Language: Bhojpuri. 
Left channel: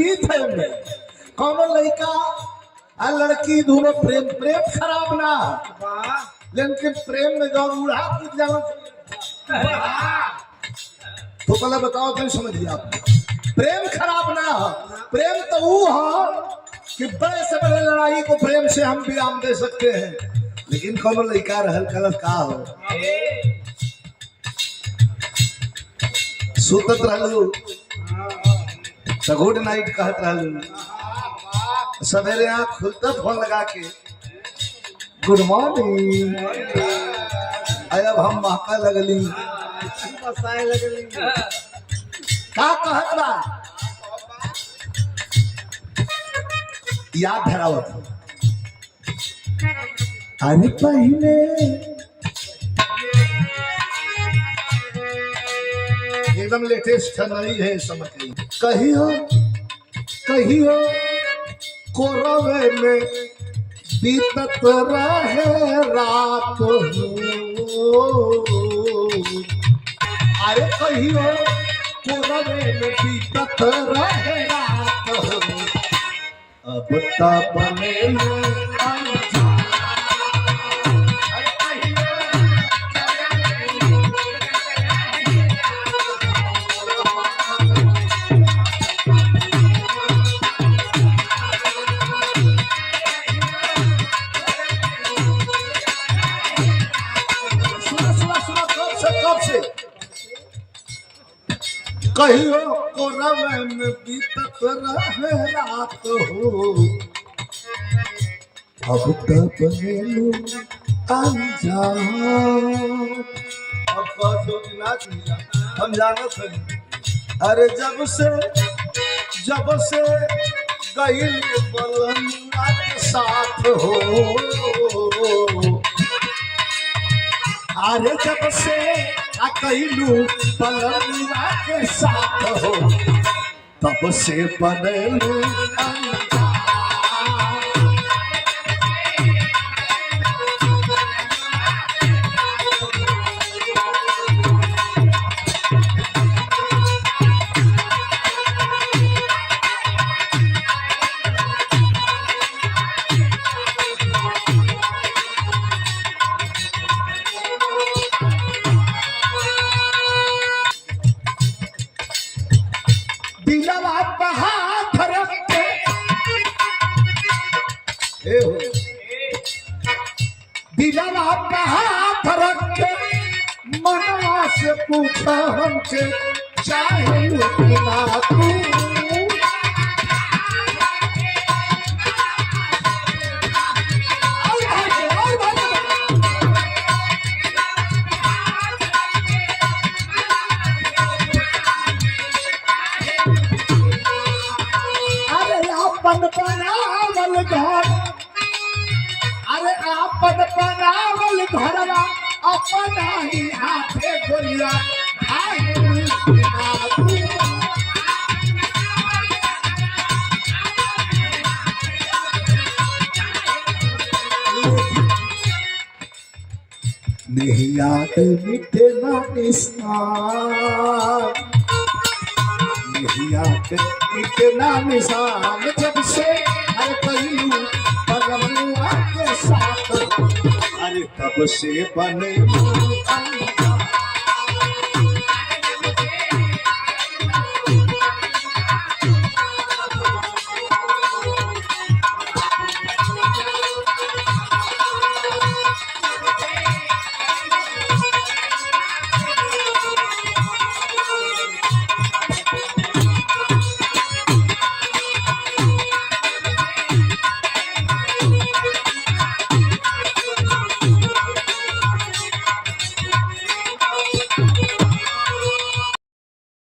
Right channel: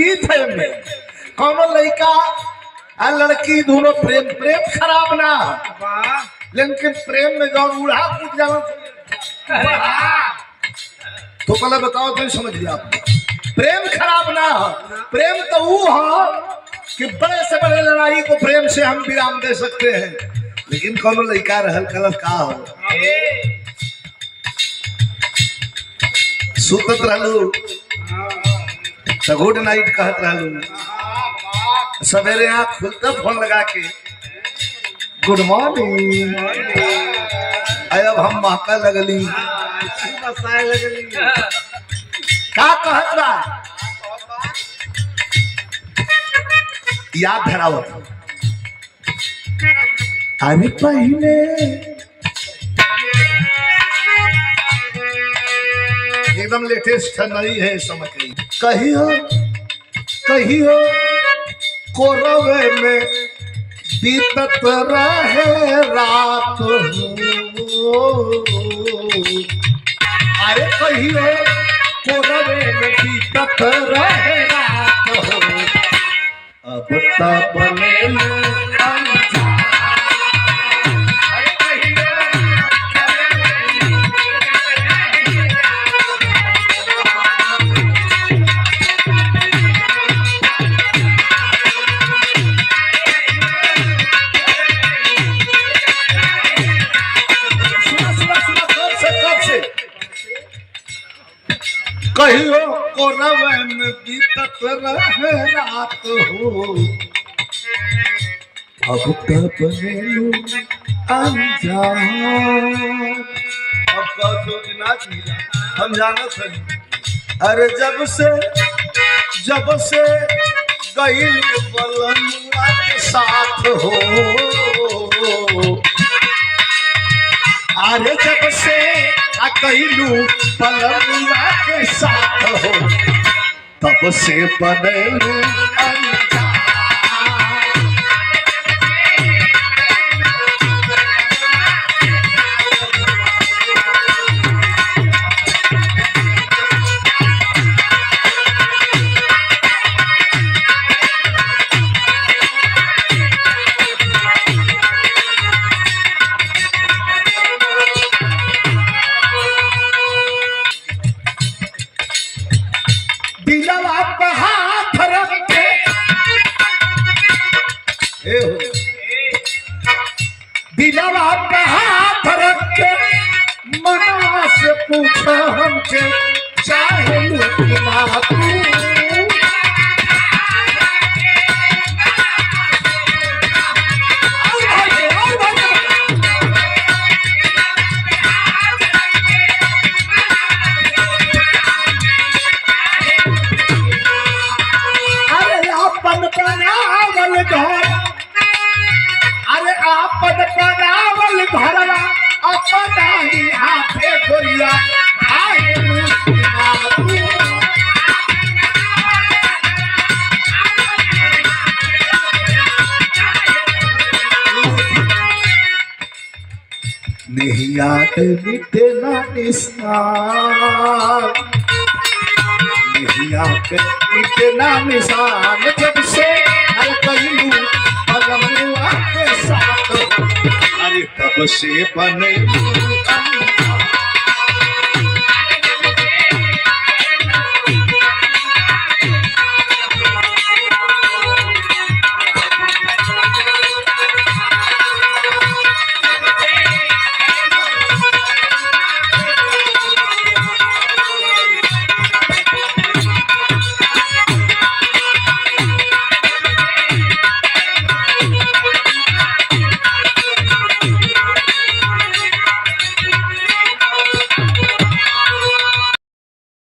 गीत है में कौन लड़का आ लड़की दोनों प्रेम प्रेम खराब ना लेकिन प्रेम में जो उड़ा कूद जाओ तो पहले बताओ तो समझिए आप प्रेम खराब ना हो प्रेम तो वो हो कि बड़े से बड़े लड़ाई को प्रेम से हम विराम दे सकते हैं लेकिन कौन लड़का रहल कलर का हो सुतत रहलू तो गुड नाइट कहत रहलू सवेरे आँख खुलते फोन लगा के गुड मॉर्निंग अब हम महका लगली का कहत बा याद धरावत अरे पहले एकदम लेटेस्ट नहीं है समझ कहियो कहियो कोरवे में बीतत रहे रात हो अरे कहियो कोरवे में बीतत रहे रात हो अब तब बने कहियो कोरवे में बीतत रहे रात हो अब तब बनेलू अनजान अब कहो कि ना चाहिए हम जानत हई अरे जब से गईल बलनुआ के साथ हो अरे जब से कहलू बलनुआ के साथ हो तब से बनेलू दिलवा पे हाथ रख के मनवा से पूछा हमसे चाहे ना तू अरे अपन बनावल घर अरे आपन बनावल घरवा अपना ही हाथे गोलिया नहीं याद मिटे ना निशान नहीं याद मिटे ना निशान जब से हर कहलू बलनुआ के साथ अरे तब से बने